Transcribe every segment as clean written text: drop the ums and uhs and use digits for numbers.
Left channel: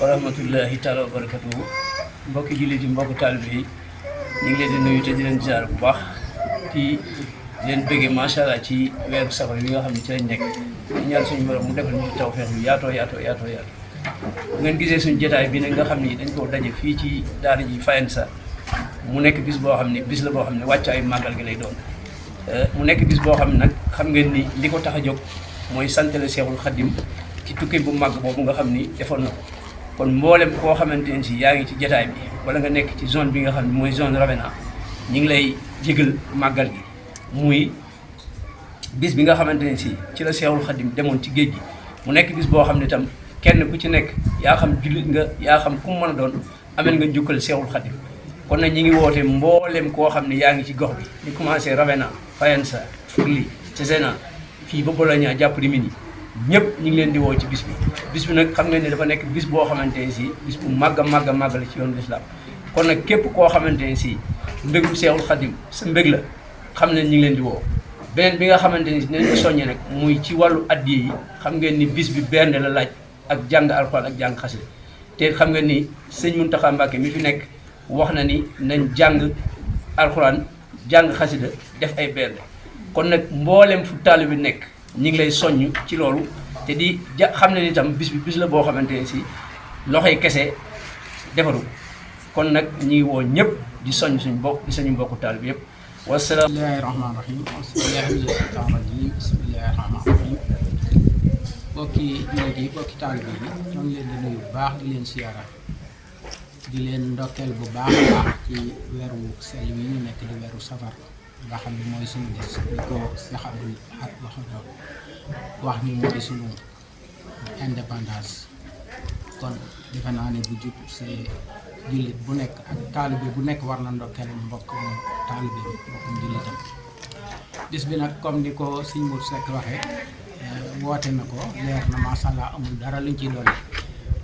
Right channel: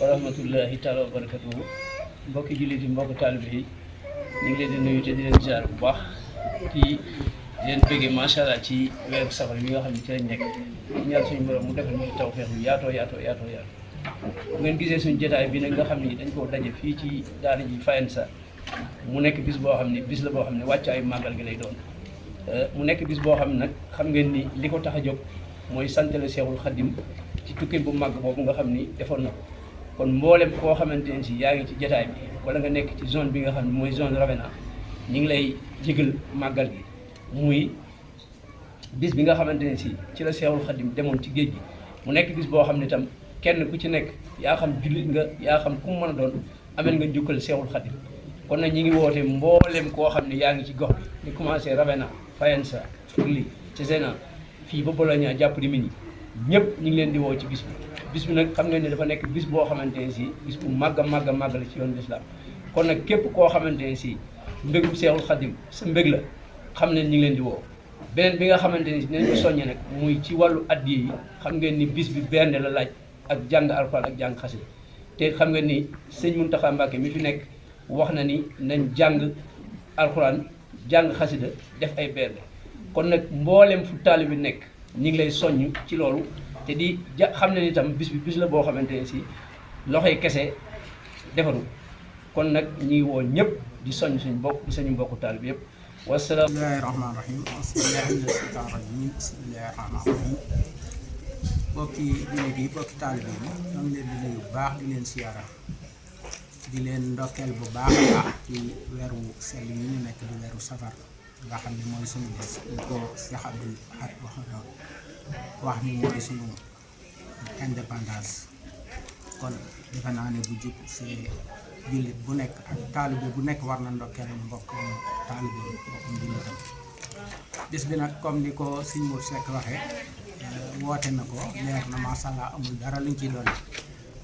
warahmatullahi taala wa barakatuhu mbokki jullit yi mbokki taalibe yi ñu ngi leen di nuyu te di leen ziar bu baax ci leen bëggee macha allah ci weeru safar yi nga xam ne ci lañ nekk ñu ñaan suñu borom mu defal ñu tawfeex yu yaatoo bu ngeen gisee suñu jotaay bi nag nga xam ni dañ ko daje fii ci daara ji Fayensa mu nekk bis boo xam ne bis la boo xam ne wàcc ay màggal gi lay doon mu nekk bis boo xam ne nag xam ngeen ni li ko tax a jóg mooy santale Seexul Xaddim ci tukki bu màgg boobu nga xam ni defoon na kon mboolem koo xamante ne si yaa ngi ci jotaay bi wala nga nekk ci zone bi nga xam ne mooy zone Ravena ñu ngi lay jégal màggal gi muy bis bi nga xamante ne si ci la Seexul Xaddim demoon ci géej gi mu nekk bis boo xam ne itam kenn ku ci nekk yaa xam jullit nga yaa xam ku mu mën a doon amel nga njukkal Seexul Xaddim kon nag ñi ngi woote mboolem koo xam ne yaa ngi ci gox bi di commencé Ravena Fayensa Furli Cesena fii ba Bologna jàpp di Mini ñëpp ñu ngi leen di woo ci bis bi nag xam nga ni dafa nekk bis boo xamante ne si bis bu màgg a màgg la ci yoonu lislaam kon nag képp koo xamante ne si mbégum Seexul Xaddim sa mbég la xam ne ñu ngi leen di woo beneen bi nga xamante ne si dinañ ko soññe nag muy ci wàllu addiya yi xam ngeen ni bis bi bernde la laaj ak jàng alxuraan ak jàng xasida te xam nga ni sëñ Muntaxa Mbàkke mi fi nekk wax na ni nañ jàng alxuraan jàng xasida def ay bernde kon nag mboolem fu taalibe bi nekk ñi ngi lay soññ ci loolu te di xam ne ni itam bis la boo xamante ne si loxoy kese defaru kon nag ñi ngi woo ñëpp di soññ suñu bokk di suñu mbokku taalibe bi yëpp wasalaam. bismillahi rahmaani rahim bismillahi mina shaytaani rajim bismillahi rahmaani rahim bokki jullit yi bokki taalibe yi ñoo ngi leen di nuyu bu baax di leen siyaara di leen ndokkeel bu baax a baax ci weeru sell yi ñu nekk di weeru safar nga xam ne mooy suñu des di ko Cheikh Abdoul Ahad wax ni mooy suñu indépendance kon defe naa ne bu jub see jullit bu nekk ak taalibe bu nekk war na ndokkeel mbokkum taalibe mbokkum jullitam bis bi nag comme ni ko Sëñ Mour Seck waxee woote na ko leer na macha allah amul dara luñ ci dolli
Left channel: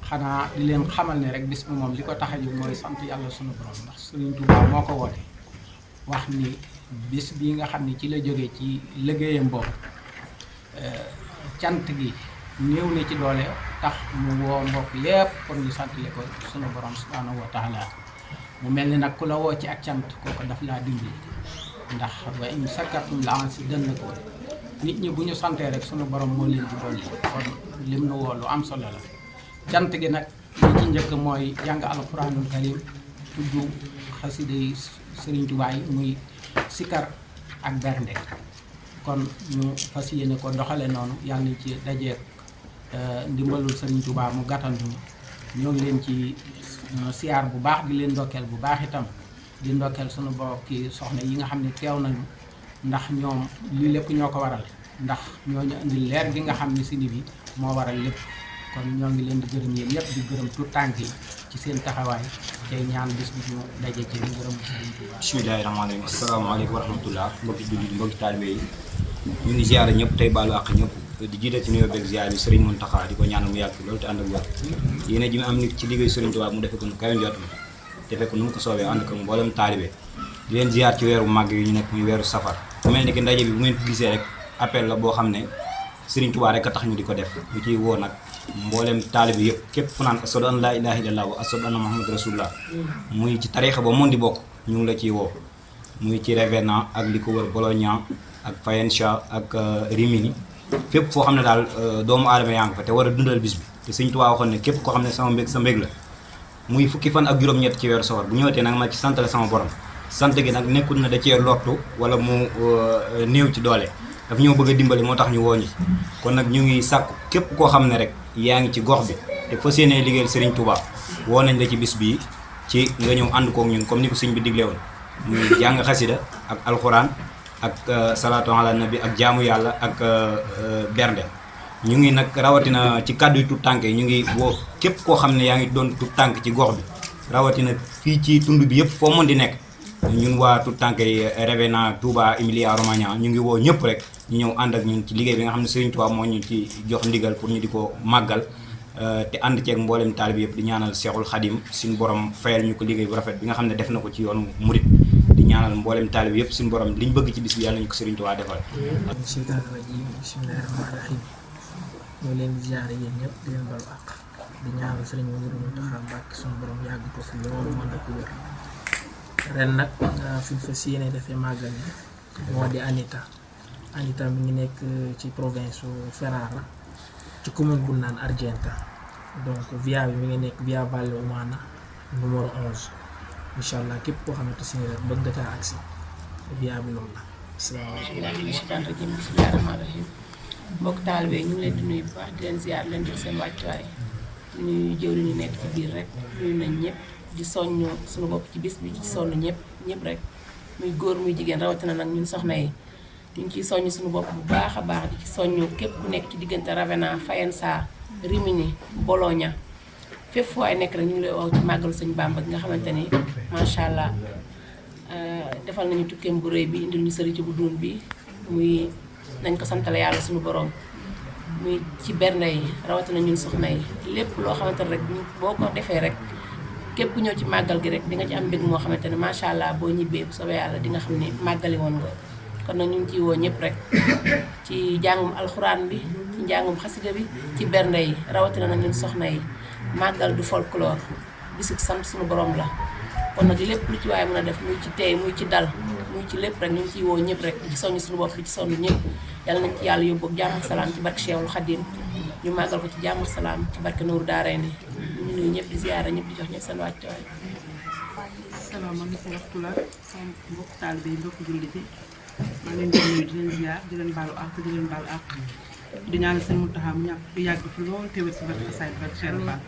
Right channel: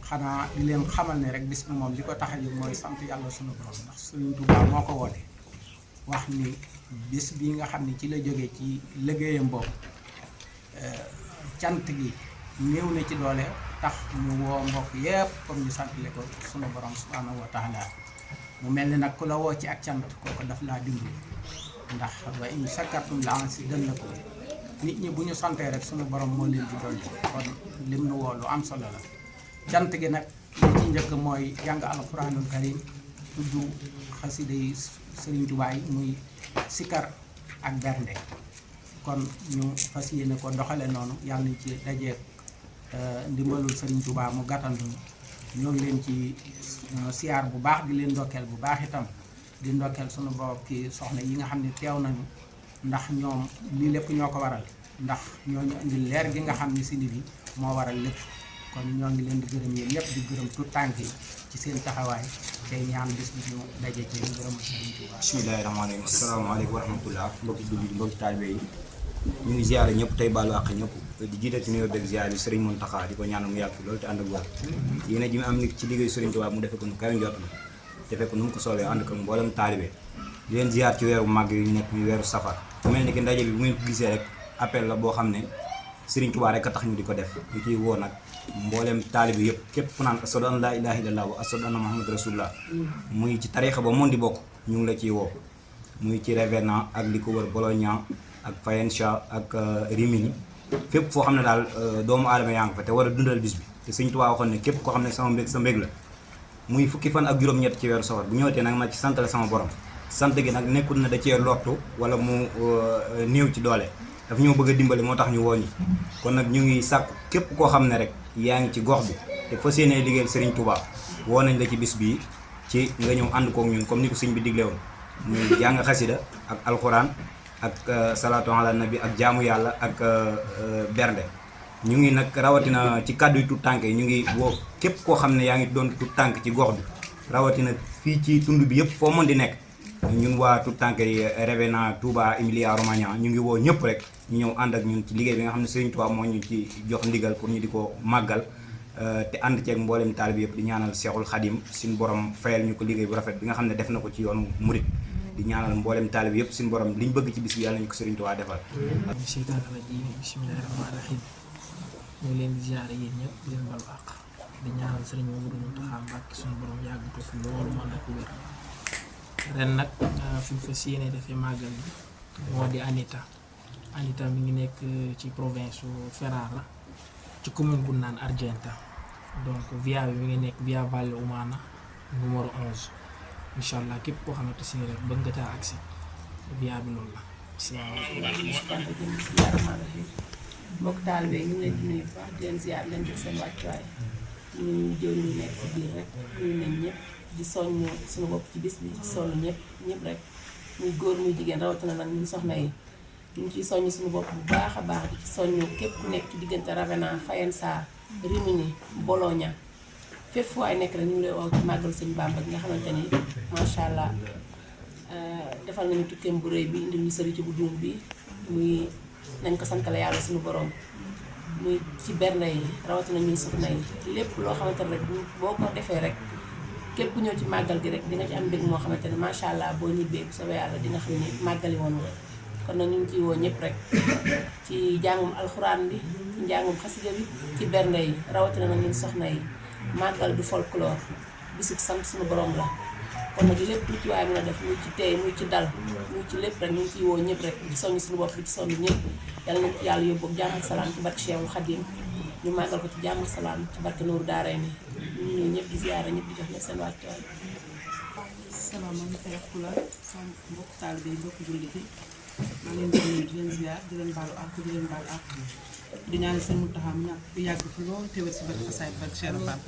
xanaa di leen xamal ne rek bis bi moom li ko tax a jóg mooy sant yàlla sunu borom ndax Sëriñ Tuubaa moo ko woote wax ni bis bi nga xam ne ci la jógee ci liggéeyam boobu cant gi néew na ci doole tax mu woo mbokk yépp kon ñu santale ko sunu borom subhanahu wa taala mu mel ni nag ku la woo ci ak cant kooku daf laa dimbali ndax wa in sakartum la azidannakum nit ñi bu ñu santee rek sunu borom moo leen di dolli kon lim nu woo lu am solo la cant gi nag li ci njëkk mooy jàng alquranul karim tudd xasida yi Sëriñ Tuubaa yi muy sikar ak bernde kon ñu fas yéene ko doxale noonu yàlla nañ ci dajeek ndimbalul Sëriñ Tuubaa mu gàttandu ñoo ngi leen ci siyaar bu baax di leen ndokkeel bu baax itam di ndokkeel sunu bokki soxna yi nga xam ne teew nañu ndax ñoom lii lépp ñoo ko waral ndax ñoo ñu indi leer gi nga xam ne si ni bi moo waral lépp kon ñoo ngi leen di gërëm yi ñëpp di gërëm tout tànk yi ci seen taxawaay tey ñaan bis bi ñu daje ci ngërëm Sëriñ Tuubaa. bismillaahi rahmaani rahiim asalaamaaleykum wa rahmatullah mbokki jullit mbokki taalibe yi ñu ngi ziare ñëpp tey baalu àq ñëpp di jiite ci nuyoo beeg ziare bi Sëriñ Muntaxa di ko ñaanal mu yàgg fi loolu te ànd ak wér yéen a ji mu am nit ci liggéey Sëriñ Tuubaa mu defe ko nu kawe njortam te fekk nu mu ko soobee ànd ko mboolem taalibe di leen ziar ci weeru màgg yi ñu nekk muy weeru safar mu mel ni ki ndaje bi bu ngeen ko gisee rek appel la boo xam ne Sëriñ Tuubaa rek a tax ñu di ko def ñu ciy woo nag mboolem taalibe yëpp képp ku naan ashadu an laa ilaaha illallaah wa ashadu anna muhammadu rasulullah muy ci tariixa ba mën di bokk ñu ngi la ciy woo muy ci Ravenna ak li ko wër Bologna ak Faenza ak Rimini fépp foo xam ne daal doomu aadama yaa ngi fa te war a dundal bis bi te Sëriñ Tuubaa waxoon ne képp koo xam ne sama mbég sa mbég la muy fukki fan ak juróom-ñett ci weeru safar bu ñëwatee nag ma ci sant la sama borom sant gi nag nekkul na da cee lottu wala mu néew ci doole daf ñoo bëgg a dimbali moo tax ñu woo ñi kon nag ñu ngi sàkku képp koo xam ne rek yaa ngi ci gox bi te fas yéenee liggéeyal Sëriñ Tuubaa woo nañ la ci bis bii ci nga ñëw ànd kook ñun comme ni ko sëñ bi digle woon muy jàng xasida ak alxuraan ak salaatu ala nabi ak jaamu yàlla ak bernde ñu ngi nag rawatina ci kàddu yu tut tànk yi ñu ngi woo képp koo xam ne yaa ngi doon tut tànk ci gox bi rawatina fii ci tund bi yëpp foo mën di nekk ñun waa tut tànk yi Ravenna Touba Emilia Romagna ñu ngi woo ñëpp rek ñu ñëw ànd ak ñun ci liggéey bi nga xam ne Sëriñ Tuubaa moo ñu ci jox ndigal pour ñu di ko màggal te ànd ceeg mboolem taalib yëpp di ñaanal Seexul Xadim suñu borom fayal ñu ko liggéey bu rafet bi nga xam ne def na ko ci yoonu murit di ñaanal mboolem taalib yëpp suñu borom liñ bëgg ci bis bi yàlla ñu ko Sëriñ Tuubaa defal. seytaane rajiim bismillaahi rahmaani rahiim ñu leen di ziare yéen ñëpp di leen balu àq di ñaanal Sëriñ Muntaxa Mbàkke suñu borom yàgg ko fi loolu mën na ko wér ren nag fi ñu fas yéene dafay màggal yi moo di Anita mi ngi nekk ci province su Ferrara ci commune bu naan Argenta donc via bi mi ngi nekk via Valle Umana numéro 11 incha allah képp koo xamante si rek bëgg nga caa agsi via bi loolu la. bismillaahi rahmaani rahiim mbokk taalibe ñu ngi leen di nuyu bu baax di leen ziar leen jox seen wàccuwaay ñuy jëwri ñu nekk ci biir rek nuyu nañ ñëpp di soññ suñu bopp ci bis bi ci sonn ñëpp rek muy góor muy jigéen rawatina nag ñun soxna yi ñu ngi ciy soññ suñu bopp bu baax a baax di ci soññ képp ku nekk ci diggante Ravenna Faenza Rimini Bologna fépp fu waay nekk rek ñu ngi lay woo ci màggalu Sëñ Bàmba gi nga xamante ni macha allah defal nañu tukkeem bu rëy bi indil ñu sëriñ ci bu duun bi muy nañ ko santale yàlla suñu borom muy ci bernde yi rawatina ñun soxna yi lépp loo xamante ne rek boo ko defee rek képp ku ñëw ci màggal gi rek di nga ci am mbég moo xamante ne macha allah boo ñibbee bu soobee yàlla di nga xam ne màggali woon nga kon nag ñu ngi ciy woo ñëpp rek ci jàngum alxuraan bi ci njàngum xasida bi ci bernde yi rawatina nag ñun soxna yi màggal du folklore bisu sant suñu borom la kon nag lépp lu ci waaye mën a def muy ci tey muy ci dal muy ci lépp rek ñu ngi ciy woo ñëpp rek ci soññ suñu bopp ci sonn ñëpp yàlla nañ ci yàlla yóbbu ak jàmm ak salaam ci barke Cheikhul Khadim ñu màggal ko ci jàmm ak salaam ci barke Nuuru Daarayni ñu nuyu ñëpp di ziyaara ñëpp di jox ñëpp seen wàccuwaay. salaamaaleykum wa rahmatulah sama mbokk taalibe yi mbokk jullit yi maa leen di nuyu di leen ziar di leen baalu àq di leen baalu àq di ñaanal seen Muntaxa mu ñàkk di yàgg fi lool teewal si barke Xasaayid barke Cheikh Fall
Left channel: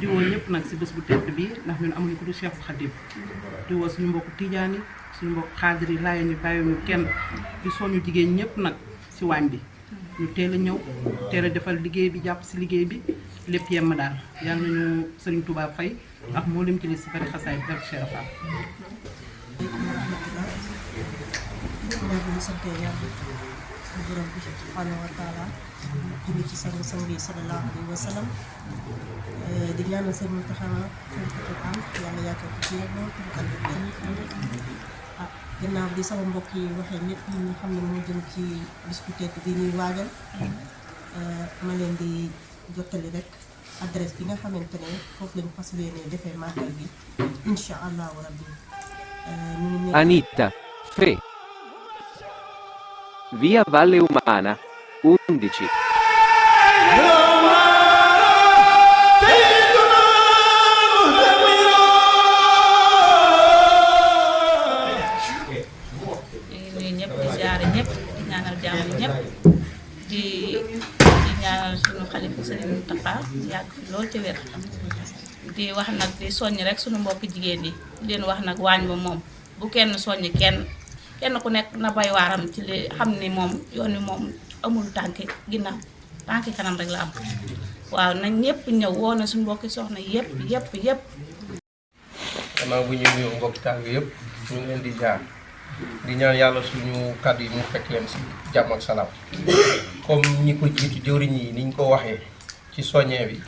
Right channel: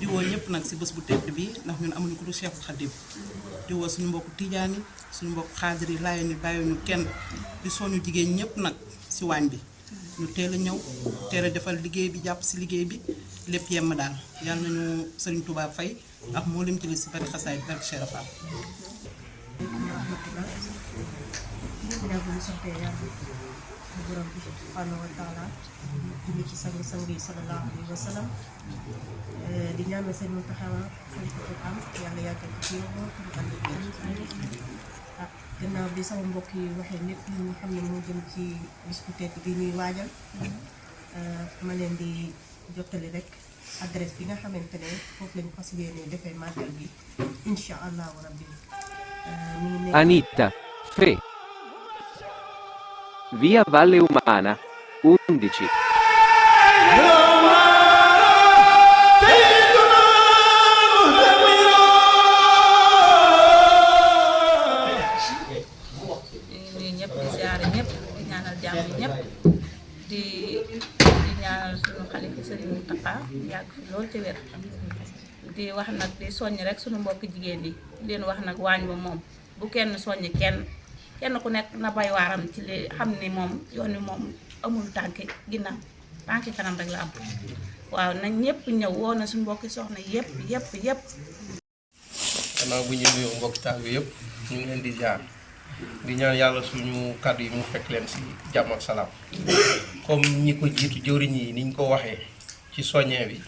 di woo ñëpp nag si bés bu tedd bi ndax ñun amuñu ko du Cheikhul Khadim di woo suñu mbokku tijaan yi suñu mbokku xaadir yi laayoo ñu bàyyiwuñu kenn di soñu jigéen ñëpp nag si waañ bi ñu teel a ñëw teel a defal liggéey bi jàpp si liggéey bi lépp yemm daal yàlla nañu Sëriñ Tuubaa fay ak moo lim ci li si barke Xasaayid barke Cheikh Fall. suñu borom bi subhanahu wa taala julli ci sang sang yi sallallahu alayhi wa sallam di ñaanal sëñ Muntaxa xalifatul am yàlla yaatal ko ci loolu ginnaaw bi sama mbokk yi waxee nit ñi nga xam ne moo jëm ci bis bu tedd bi ñuy waajal ma leen di jottali rek adresse bi nga xamante ne foofu lañ fas yéene defee màggal bi incha allahu rabbi Anita, Fe. Via Valle Umana, 11. nuyu ñëpp di ziare ñëpp di ñaanal jàmm ñëpp di ñaanal suñu xalifa Sëriñ Muntaxa yàgg fi lool ci wér di wax nag di soññ rek suñu mbokk jigéen yi di leen wax nag waañ ba moom bu kenn soññ kenn ku nekk na bay waaram ci li xam ni moom yoon wi moom amul tànki ginnaaw tànki kanam rek la am waaw nañ ñëpp ñëw woo na suñu mbokki soxna yëpp. gannaaw bu ñu nuyu mbokki taalibe yëpp ñu ngi leen di jaar di ñaan yàlla suñu kàddu yi mu fekk leen si jàmm ak salaam comme ñi ko jiitu jëwriñ yi niñ ko waxee ci soññee bi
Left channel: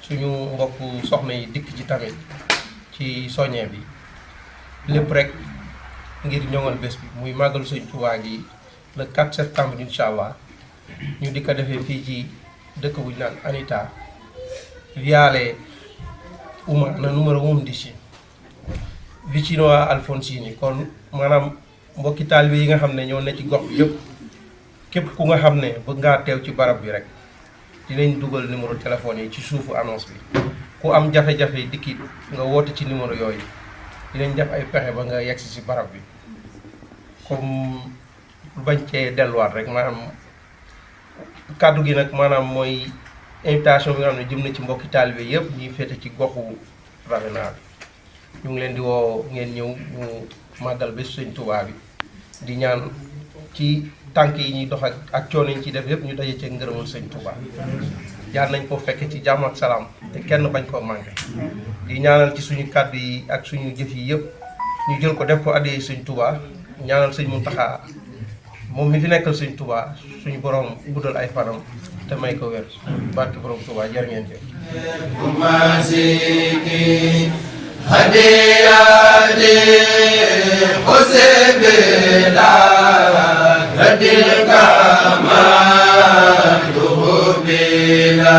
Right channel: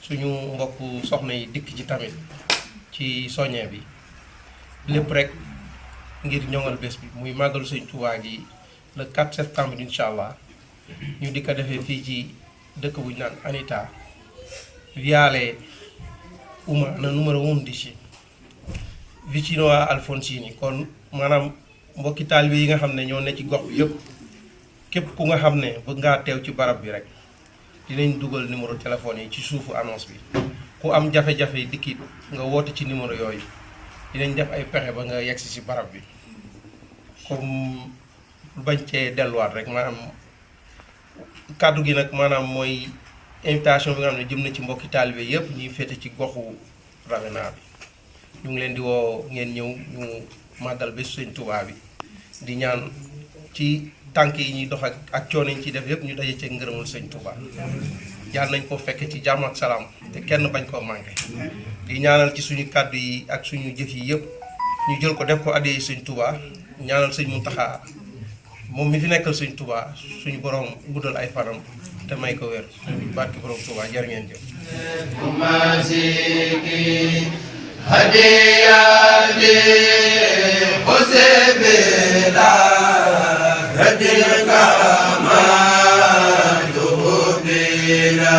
suñu mbokk soxna yi dikk ci tamit ci soññee bi lépp rek ngir ñoŋal bés bi muy màggalu Sëñ Tuubaa gi le 4 septembre incha allah ñu di ko defee fii ci dëkk bu ñu naan Anita viale umana numero 11 vicino a Alfonsini kon maanaam mbokki taalibe yi nga xam ne ñoo ne ci gox bi yëpp képp ku nga xam ne bëgg ngaa teew ci barab bi rek dinañ dugal numéro téléphone yi ci suufu annonce bi ku am jafe-jafe dikki nga woote ci numéro yooyu dinañ def ay pexe ba nga yegsi ci barab bi comme lu bañ cee delluwaat rek maanaam kàddu gi nag maanaam mooy invitation bi nga xam ne jëm na ci mbokki taalibe yëpp ñuy féete ci goxu Ravena bi ñu ngi leen di woo ngeen ñëw ñu màggal bés Sëñ Tuubaa bi di ñaan ci tànk yi ñuy dox ak coono yi ñu ciy def yëpp ñu daje ci ngërëmul Sëñ Tuubaa yàlla nañ ko fekke ci jàmm ak salaam te kenn bañ koo manqué di ñaanal ci suñu kàddu yi ak suñu jëf yi yëpp ñu jël ko def ko addee Sëñ Tuubaa ñaanal Sëñ Muntaxa moom mi fi nekkal Sëñ Tuubaa suñu borom guddal ay fanam te may ko wér barke borom Tuubaa jërë ngeen jëf hadiyati husbila radika ma tuhbila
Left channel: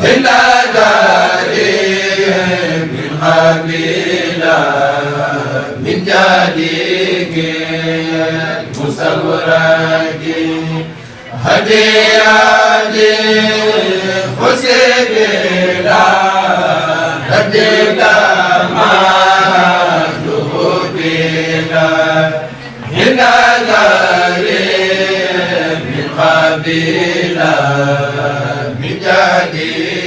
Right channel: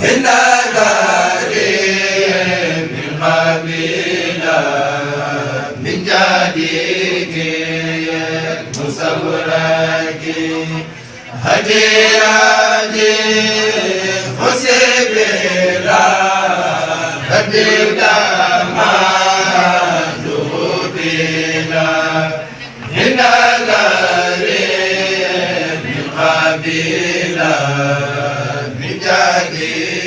hinda dari min habila min jadiki musawraki hadiyati husbila radika bila min jadi